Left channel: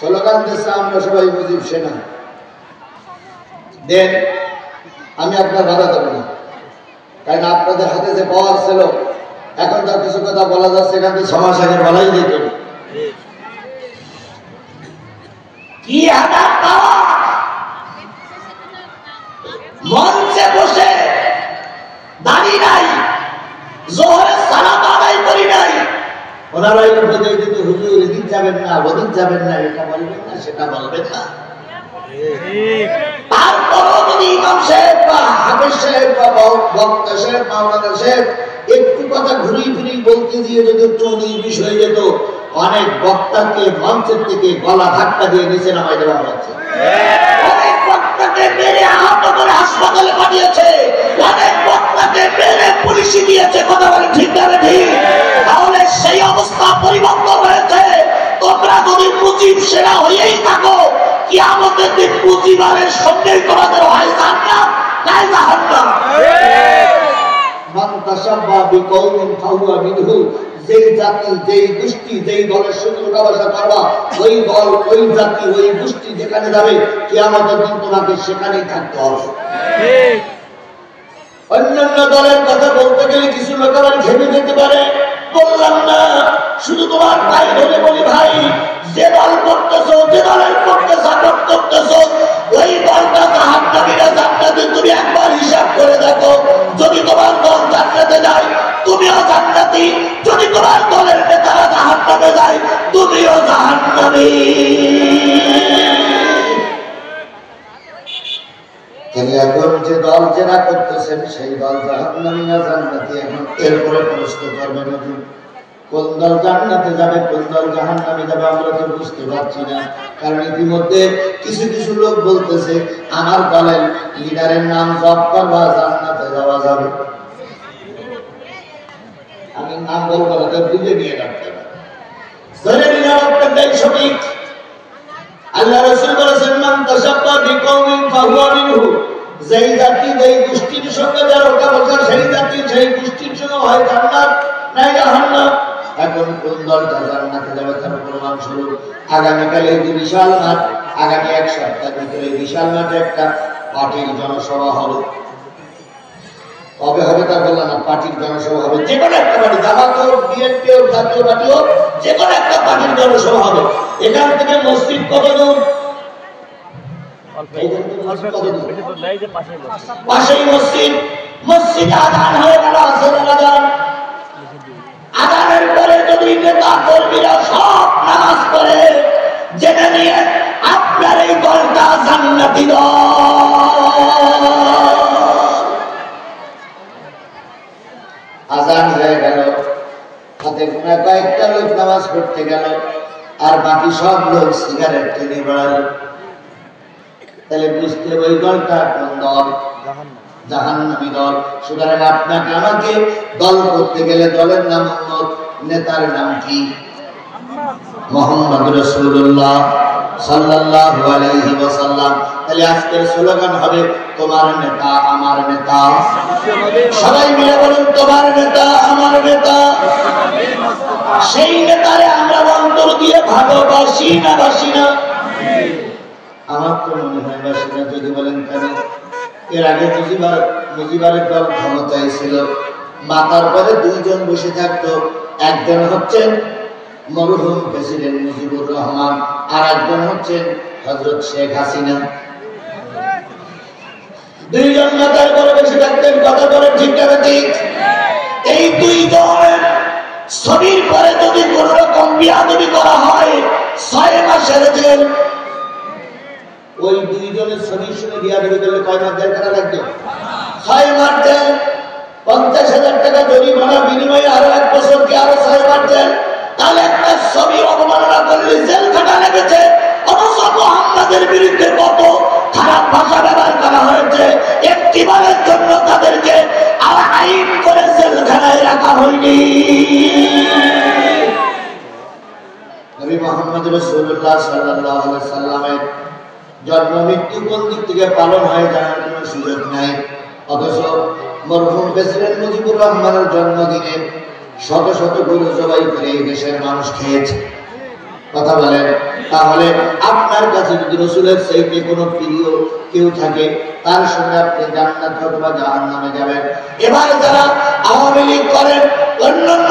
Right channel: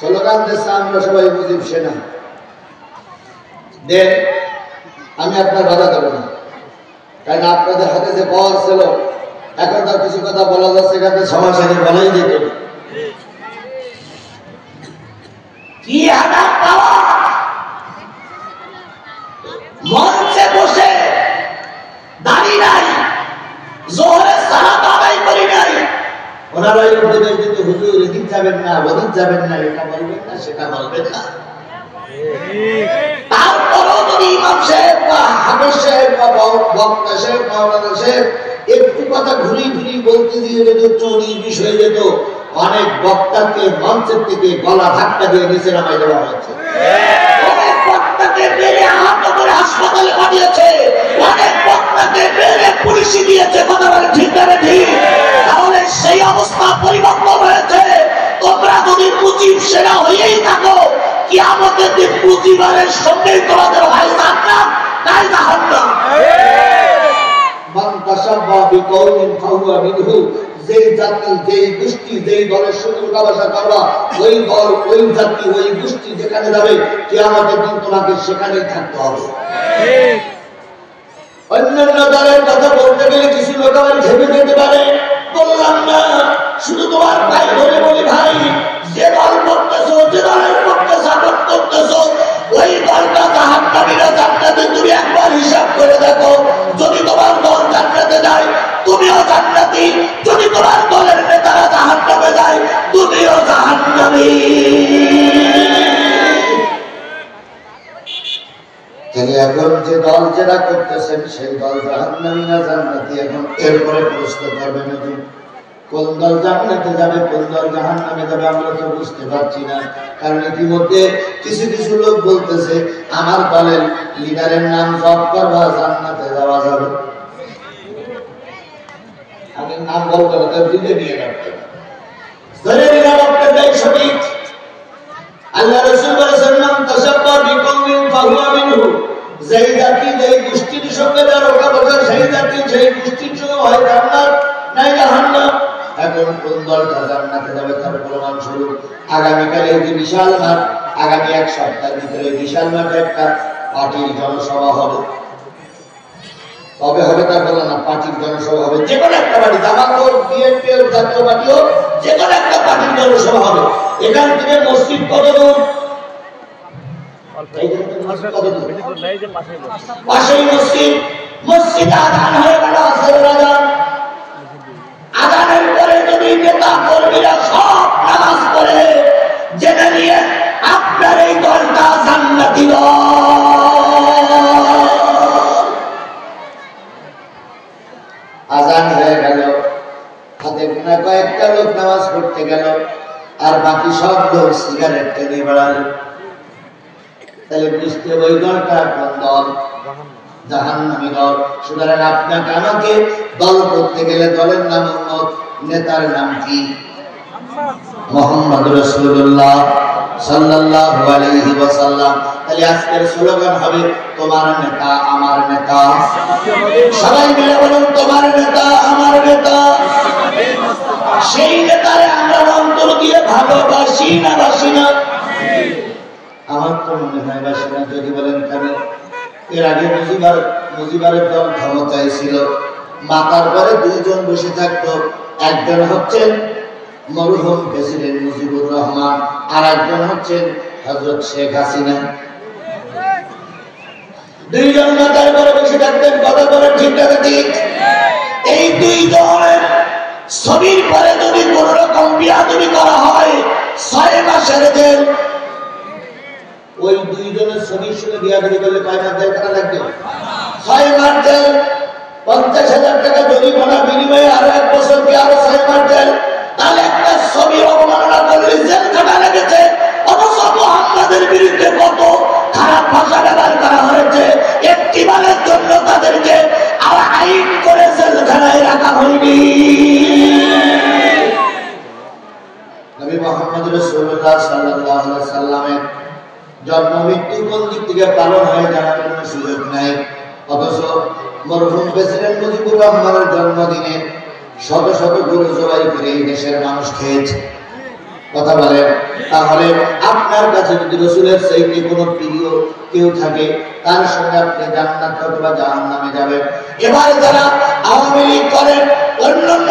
Slogan দিচ্ছে আমরা সবাই মুজিব সেনা দেন, আমি আপনার বাধা দেব না, কারণ আপনাদের হাতে যে পাওয়ার ছিল, এখন তার কিছু কথা বলা যাচ্ছে, এখানে সমাজে বলাই যেত কি হাজার পাওয়ার মঞ্চে বসে দাঁড়িয়ে নাই, জোহরে সালাত আদায় করি নাই, ওনারা উপদেশ দিত হুজুর এদিক যাবেন না, ওদিক যাবেন না, এটা বলবেন না, সেটা বলবেন না। তারপরও যদি ইমাম সাহেব বা হাফেজ সাহেব বা বক্তা সাহেব মাওলানা সাহেব একটু কথা ঘুরি ঘুরি বলতে দিয়ে যদি একটু 19-20 হয়ে যেত, অনেক বক্তাকে মঞ্চের থেকে গলা ধাক্কা দিয়ে নিচে নামাই দেওয়া হয়েছে, অনেক বক্তাকে মেরে আহত করে হাসপাতালে পাঠিয়েছে, অনেক বক্তাকে মেরে পুলিশে দিয়েছে। কথা বলে ঠিক না ঠিক? তাহলে সেই অবস্থা পরিবর্তন হয়েছে। তোমরা যদি মুজিব সেনা হয়েই থাকো, কিয়ামতের দিন মুজিবারের সঙ্গেই তোমাদের হয় জান্নাত নাই জাহান্নাম। মান তাসাব্বাহা বিকওমিন ফাহুয়া মিনহু, যেই জাতি, যেই গোষ্ঠী, যেই দলের সঙ্গে উঠাবসা করবা, ওই দল, ওই জাতি, ওই গোষ্ঠী যেখানে যাবে, কিয়ামতের দিন তোমাকে সেখানেই থাকতে হবে। অন্যান্য দলের কথা বলতে গেলে কিছু লোক আবার ভেবে যেতে পারে, বললাম না, শুধু তোমার ভাই ধরে বলি, ভাই যে দল করতেছো, যে দলের পক্ষে সাপোর্ট করতেছো, ওই দলটা জাহান্নামী না জান্নাতে, তুমি একবার হিসাব করে দেখো। যদি তোমার দল জান্নাতে যায়, তুমিও জান্নাতি। যদি তোমার দলের নেতারা জাহান্নামে যায়, তুমিও জাহান্নামী। তিনি এখন যে দল যেটা করতেছেন, সেই দল জাহান্নামী না জান্নাতি, এখন এরপরে প্রশ্ন করবেন কোন দল জান্নাতে যাবে, কোন দল জাহান্নামে যাবে, আমরা তো বুঝতে পারছি না। কারণ ইতিমধ্যে কিছু কিছু লোক বলতেছে আমার দলের লিডারের নাম জপ করবা, জান্নাতে যাওয়া যাবে। আমি নাম বলবো না, বুঝে নিয়ে রাখতেন, ধরে নিয়ে রাখতেন, তাই সঠিক। আল্লাহ রাসূল বলেছেন মান তাসাব্বাহা বিকওমিন ফাহুয়া মিনহু, যেই জাতি, যেই গোষ্ঠীর সঙ্গে যার ওঠাবসা, সেই জাতি, সেই গোষ্ঠীর সঙ্গে হয় জান্নাত নাই জাহান্নাম। এখন কোন দলটা জান্নাতে যাবে তার প্রমাণ স্বরূপ আগামীকাল এই যে বিশাল মাঠ, আগামী 1 সপ্তাহের ভিতরে বিশাল মাঠে একটা পার্টির জনসভা হবে। কবে হবে তা বললাম না, পার্টির জনসভা হবে, যে কোনো একটা পার্টি, জামাত হোক, বিএনপি হোক, জাতীয় পার্টি হোক, যে কোনো একটা পার্টির জনসভা হবে। এখান থেকে মসজিদ কত দূর? পাশেই মসজিদ। মসজিদে আযান হয়ে গেল, আসরের আযান। আযানের পরে যদি নেতা কর্মীরা সব নামাজ পড়ে, জেনে নিয়ে আপনার এই দলটা জান্নাতি দল। আযান হয়ে গেল, হাতে গোনা কয়েকটা লোক নামাজ পড়তে গেল, আর বাকি সব লোক সিগারেট টেনে বেড়ালো। তাহলে বুঝতে ওই দলটা কোন দল? জাহান্নামী দল। সুতরাং আপনাকে আমাকে দল করতে গেলে দলের নাম উম্মত, নেতার নাম কি? মুহাম্মদ রাসূলুল্লাহ সাল্লাল্লাহু আলাইহি ওয়াসাল্লাম। তাহলে আজকের স্লোগান হবে তোমার নেতা আমার নেতা। সবাই মিলে বলুন তোমার নেতা আমার নেতা। সেই নেতারে আমরা অন্তর দিয়ে ভালোবাসি না বাসি না? আমার তো মনে হয় বাসি না। যদি বলেন কেন? এর আগে মুজিবারের দল ক্ষমতায় ছিল, মাথার পরে 2 জন বসে থাকতো। একজন হচ্ছেন মরহুম প্রেসিডেন্ট মুজিবুর রহমান, আর একজন হচ্ছেন হযরত শেখ হাসিনা। 2 জন মাথার পরে বসে থাকতেন। কথা বলে ঠিক না ঠিক? এই 2 জনের ছবির পরে যদি কোন রকম বিয়াদবি করা হয় 6 মাসের জেল। ওই 2 জনের ছবির সঙ্গে বিয়াদবি করলে কয় মাস জেল কাটা লাগবে? 6 মাস জেল। 50,000 টাকা জরিমানা বিনিময়ে আরো 1 বছর কি আরো 6 মাস জেল। তাহলে একটা ছবি অবমাননা করলে জেল কাটা লেগেছে। অথচ মুহাম্মাদের বিরুদ্ধে কত খারাপ ভাষা ব্যবহার করা হয়েছে, একটিবারের জন্য তাদেরকে আইন করে জেলখানায় রাখা হয়নি। নবী মুহাম্মদ রাসূলুল্লাহ সাল্লাল্লাহু আলাইহি ওয়াসাল্লামের জন্ম মৃত্যু কোন দিক থেকে পালন হয় জানার কোনো সুযোগ নাই। অথচ মরহুম প্রেসিডেন্ট মুজিবুর রহমানের জন্মদিনে শত শত গরু জবাই করে এই দেশের মানুষ খেয়েছে। কথা বলেন। তাহলে আপনার কাছে যদি রাসূলের চাইতে কোনো প্রিয় কেউ থাকে তার সঙ্গে আপনি জান্নাত অথবা জাহান্নামে যাবেন। এবারে যারা আওয়ামী লীগ করেন, অন্যান্য